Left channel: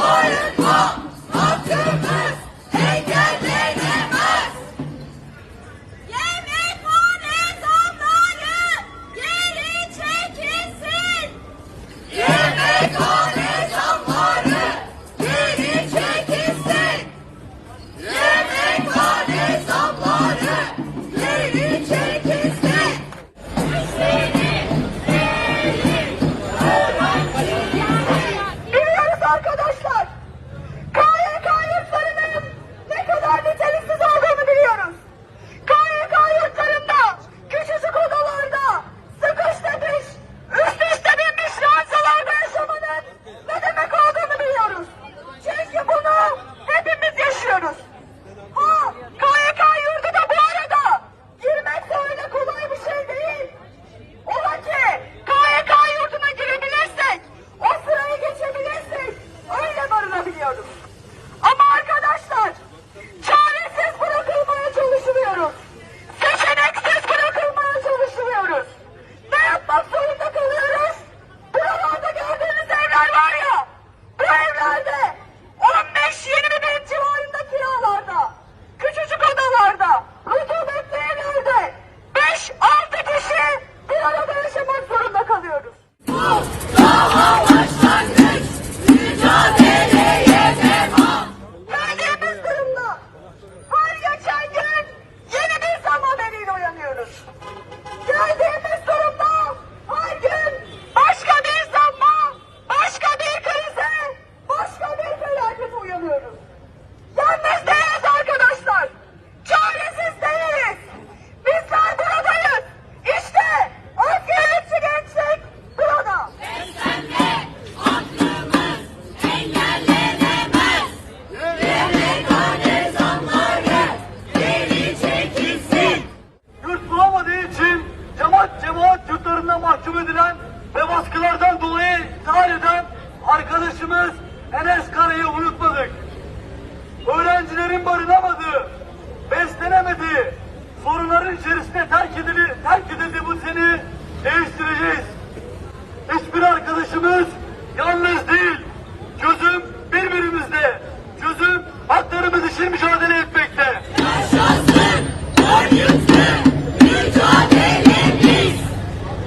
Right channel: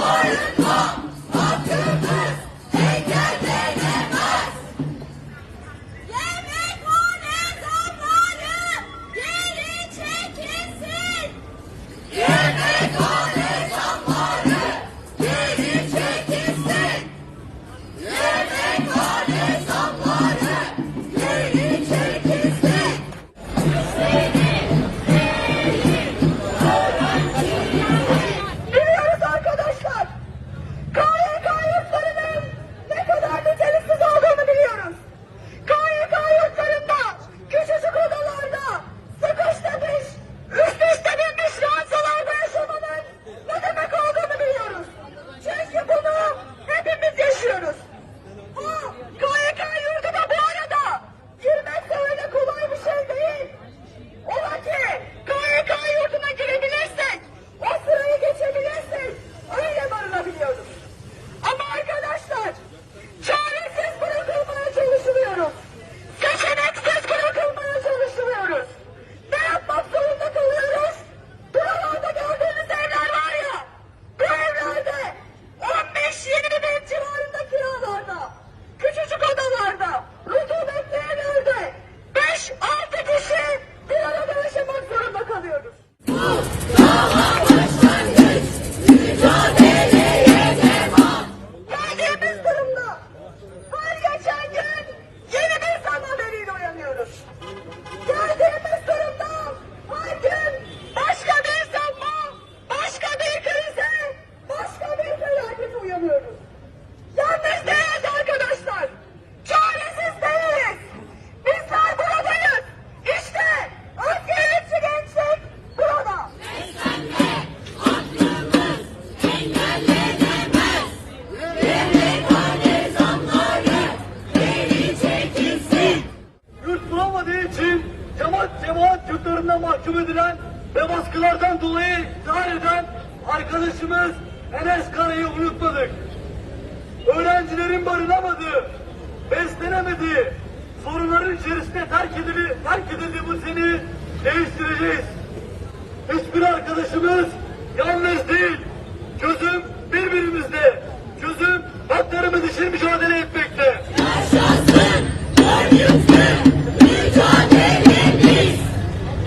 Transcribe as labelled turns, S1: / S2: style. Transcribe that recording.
S1: Soyutma Atatürk engellenemez. Yemekhane zamları geri çekilsin.
S2: Yemekhane altında mahkum edilen ve baskılardan dolayı intihar eden arkadaşımız Enes Kara'yı unutmadık. Öğrencilerin barınamadığı, beslenemediği, sorunların içerisinde terk edildi, terk edildi bu seni değiştireceğiz. Hiçbir arkadaşımız yalnız değil. Çözüm birbirimizde. Çözüm haklarımız için mücadele.